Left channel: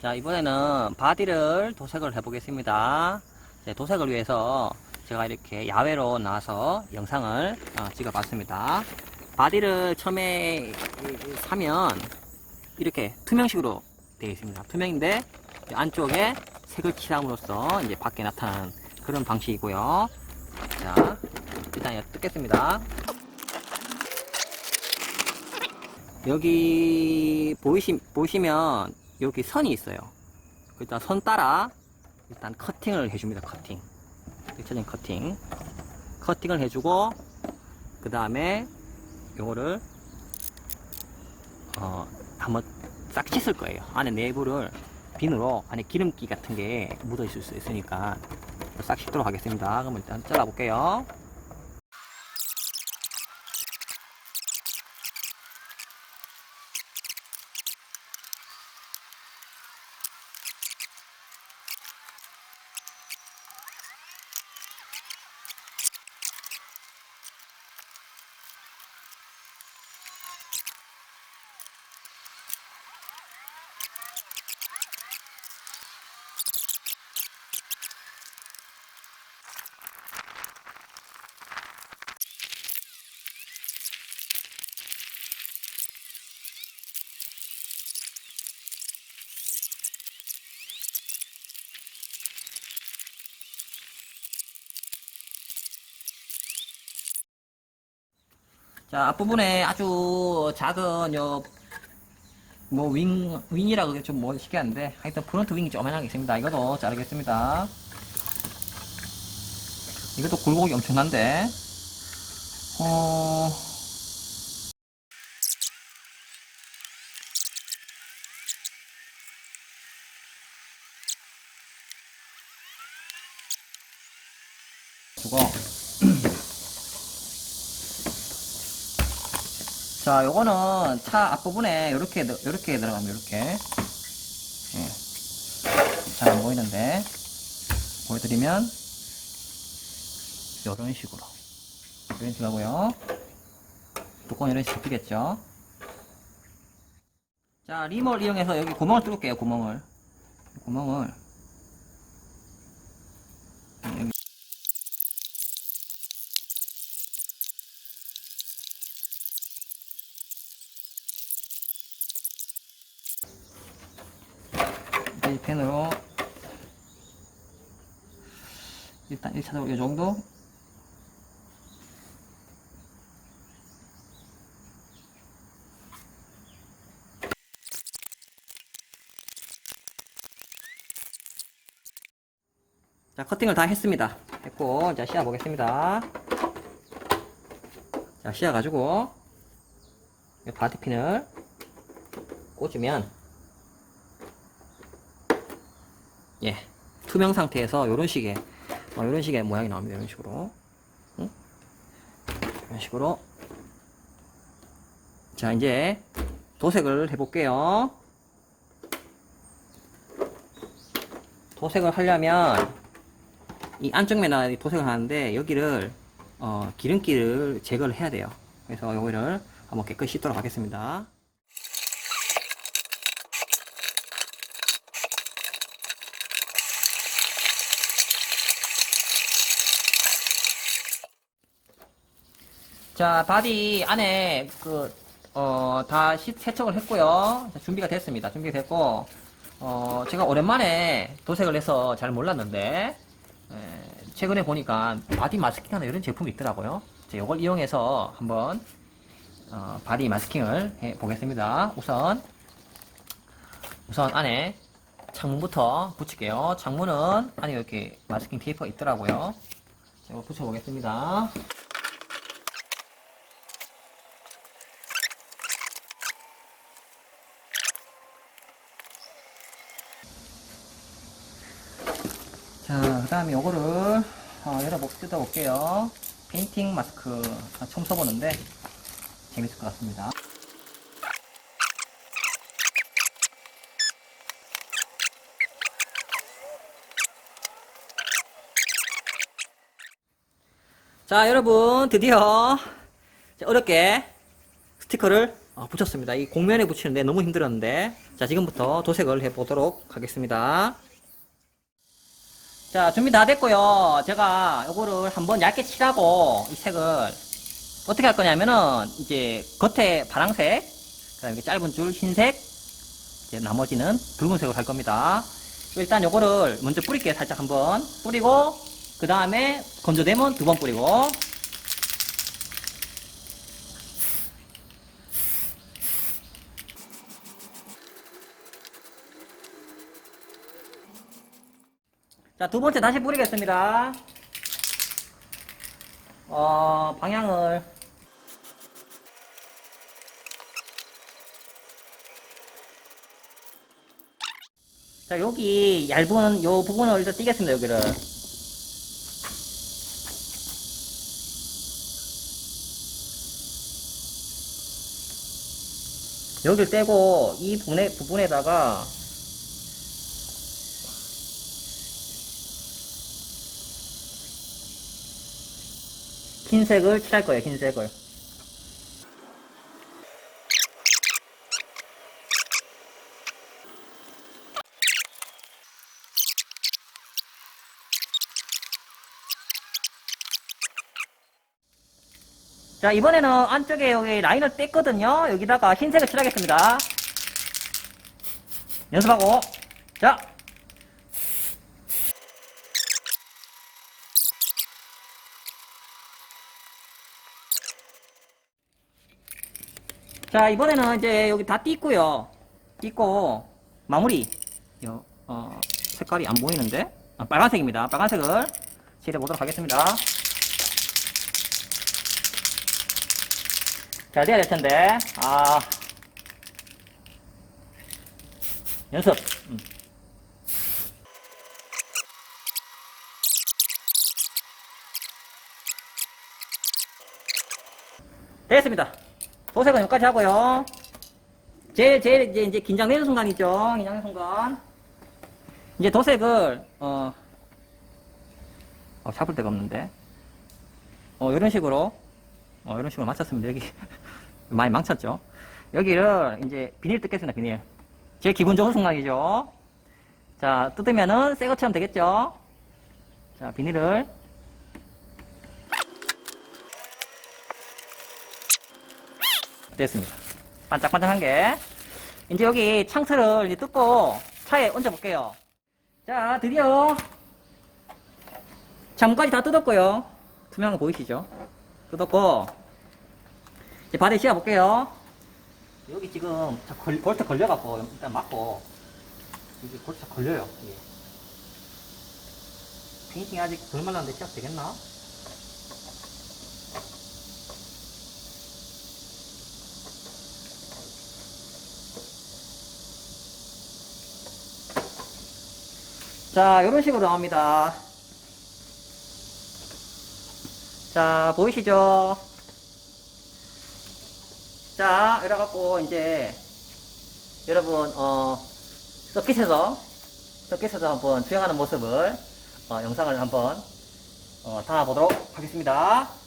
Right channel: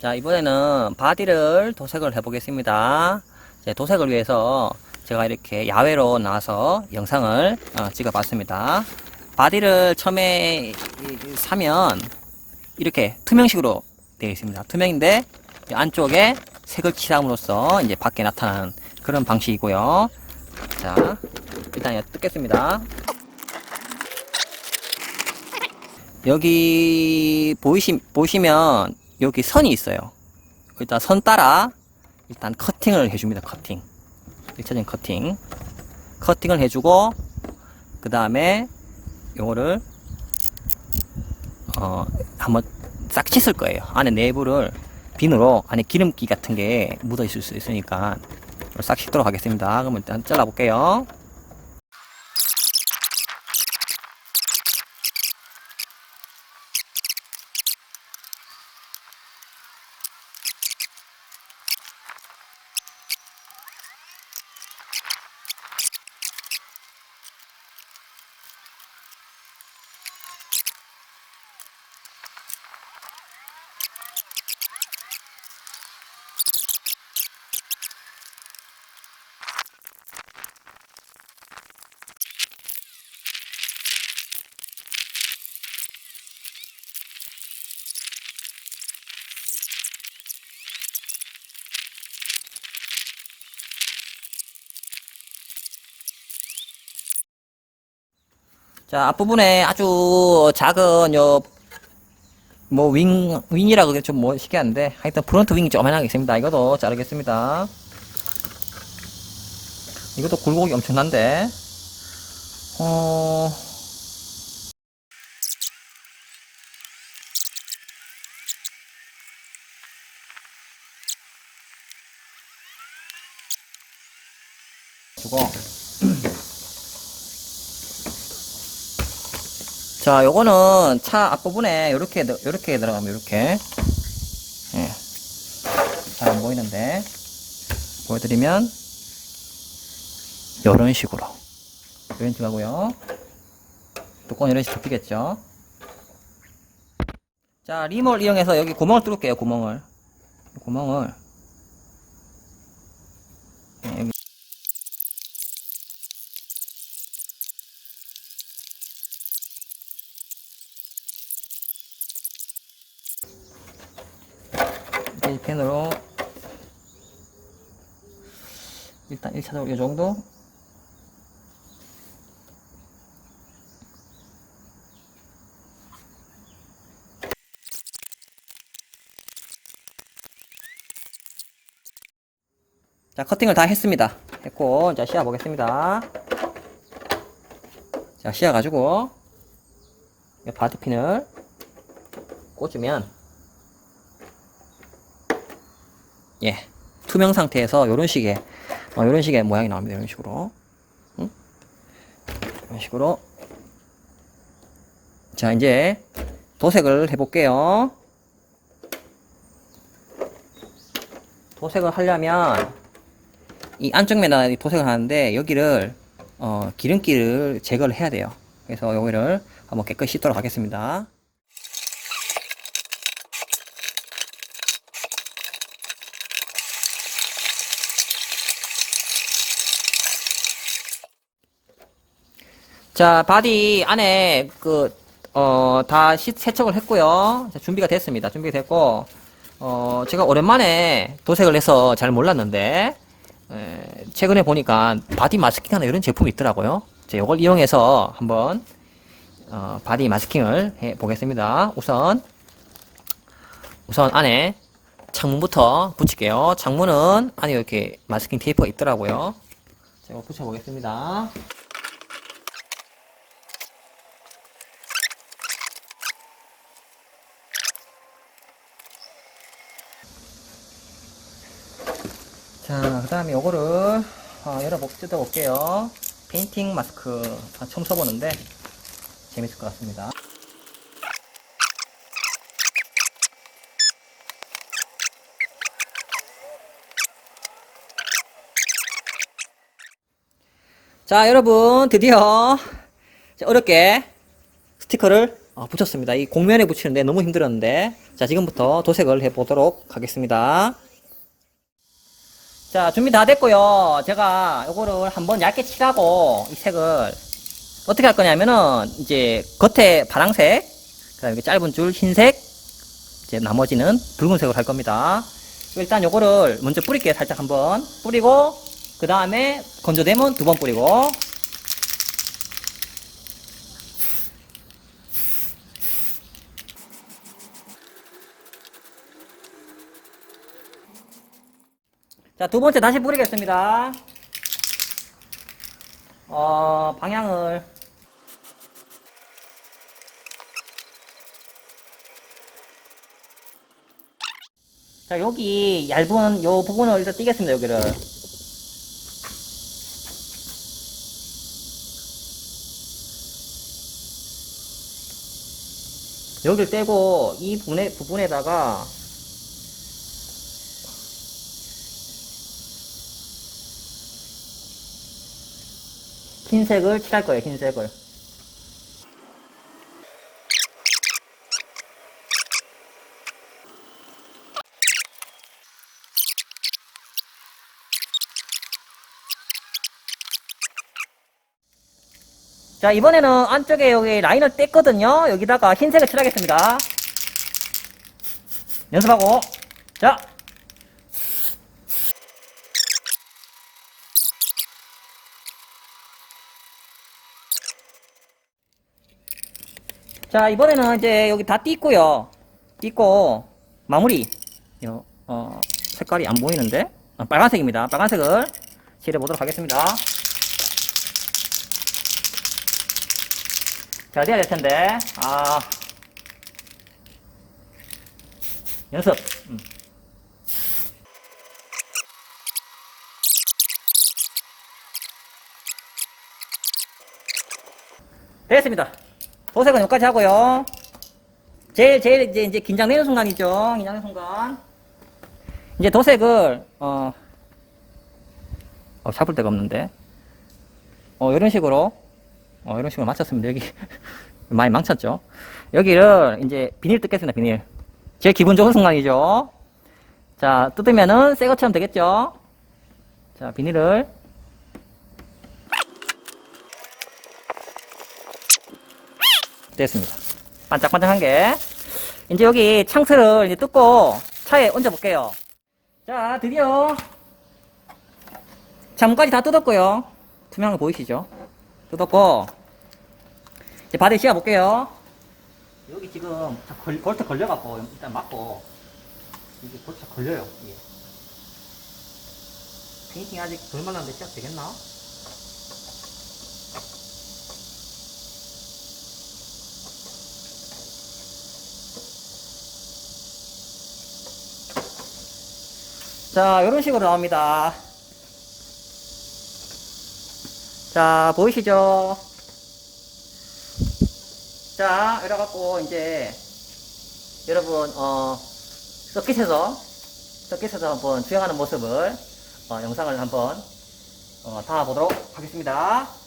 자, 이번에는 바디를 도색을 해 보겠습니다. 이제 도색을 위해서 제가 이렇게 야외로 나와서 영상을 어, 찍어 봤습니다. 바디를 처음에 사면 이렇게 투명식으로 되어 있습니다. 투명인데 이 안쪽에 색을 칠함으로써 이제 밖에 나타나는 그런 방식이고요. 자, 일단 뜯겠습니다. 여기 보이시, 보시면 여기 선이 있어요. 일단 선 따라 일단 커팅을 해줍니다. 커팅. 일차적인 커팅. 커팅을 해주고 그 다음에 요거를 어 한번 싹 씻을 거예요. 안에 내부를 비누로 안에 기름기 같은 게 묻어 있을 수 있으니까 싹 씻도록 하겠습니다. 그러면 일단 잘라 볼게요. 자, 앞부분에 아주 작은 요, 뭐, 윙, 윙이라 그게 좀 뭐, 시기한데, 하여튼 프론트 윙이 조그만하게 있습니다. 이것도 자르겠습니다. 이것도 굴곡이 엄청난데, 어, 주고, 자, 요거는 차 앞부분에 요렇게, 요렇게 들어가면 요렇게. 예. 잘 안 보이는데. 보여드리면, 요런 식으로. 요런 식으로 하고요. 뚜껑 이런 식으로 접히겠죠. 자, 리몰 이용해서 여기 구멍을 뚫을게요, 구멍을. 구멍을. 예, 여기. 이 펜으로 일단 1차적으로 이 정도. 자 커팅을 다 했습니다. 했고 자 씌워 보겠습니다. 자 씌워 가지고 이 바디핀을 꽂으면 예, 투명 상태에서 이런 식의 어, 이런 식의 모양이 나옵니다. 이런 식으로, 응? 이런 식으로. 자, 이제 도색을 해 볼게요. 도색을 하려면 이 안쪽 면에 도색을 하는데 여기를 어, 기름기를 제거를 해야 돼요. 그래서 여기를 한번 깨끗이 씻도록 하겠습니다. 자, 바디 안에 그, 어, 다 시- 세척을 했고요. 자, 준비가 됐습니다. 준비가 됐고, 어, 제가 오랜만에 도색을 해서 잘 몰랐는데, 에, 최근에 보니까 바디 마스킹 하는 이런 제품이 있더라고요. 자, 이걸 이용해서 한번, 어, 바디 마스킹을 해 보겠습니다. 우선, 우선 안에 창문부터 붙일게요. 창문은 안에 이렇게 마스킹 테이프가 있더라고요. 제가 붙여보겠습니다. 자, 그 다음에 요거를 어, 열어보, 뜯어볼게요. 페인팅 마스크 아, 처음 써보는데 재밌을 것 같습니다. 자, 여러분, 드디어 자, 어렵게 스티커를 아, 붙였습니다. 이 공면에 붙이는데 너무 힘들었는데 자 지금부터 도색을 해 보도록 하겠습니다. 자 준비 다 됐고요. 제가 요거를 한번 얇게 칠하고 이 색을 어떻게 할 거냐면은 이제 겉에 파랑색 그 다음에 이렇게 짧은 줄 흰색 이제 나머지는 붉은색으로 할 겁니다. 일단 요거를 먼저 뿌릴게요. 살짝 한번 뿌리고 그 다음에 건조되면 두 번 뿌리고 자, 두 번째 다시 뿌리겠습니다. 어, 방향을. 자, 여기 얇은 요 부분을 일단 띄겠습니다, 여기를. 여기를 떼고 이 부분에, 부분에다가 흰색을 칠할 거예요, 흰색을. 자, 이번에는 안쪽에 여기 라인을 뗐거든요. 여기다가 흰색을 칠하겠습니다. 연습하고. 자. 자, 이번에는 이제 여기 다 띄고요. 띄고, 마무리. 요, 어, 색깔이 안 보이는데? 아, 빨간색입니다. 빨간색을 칠해 보도록 하겠습니다. 잘 돼야 될 텐데. 아. 연습. 음. 되겠습니다. 도색은 여기까지 하고요. 제일, 제일 이제, 이제 긴장되는 순간이죠. 긴장되는 순간. 이제 도색을, 어, 어, 잡을 데가 없는데. 어, 이런 식으로, 어, 이런 식으로 맞췄습니다. 여기. 많이 망쳤죠. 여기를 이제 비닐 뜯겠습니다, 비닐. 제일 기분 좋은 순간이죠. 자, 뜯으면은 새 것처럼 되겠죠. 자, 비닐을. 됐습니다. 반짝반짝한 게. 이제 여기 창틀을 이제 뜯고 차에 얹어 볼게요. 자, 드디어 잠까지 다 뜯었고요. 투명한 거 보이시죠? 뜯었고 이제 바닥에 씌워 볼게요. 여기 지금 자, 걸, 볼트 걸려갖고 일단 맞고 이게 볼트 걸려요. 이게. 페인팅 아직 덜 말랐는데 시작 되겠나? 자, 이런 식으로 나옵니다. 자, 보이시죠? 자, 이래갖고, 이제, 여러분, 어, 서킷에서, 서킷에서 한번 수영하는 모습을, 어, 영상을 한번, 어, 담아보도록 하겠습니다.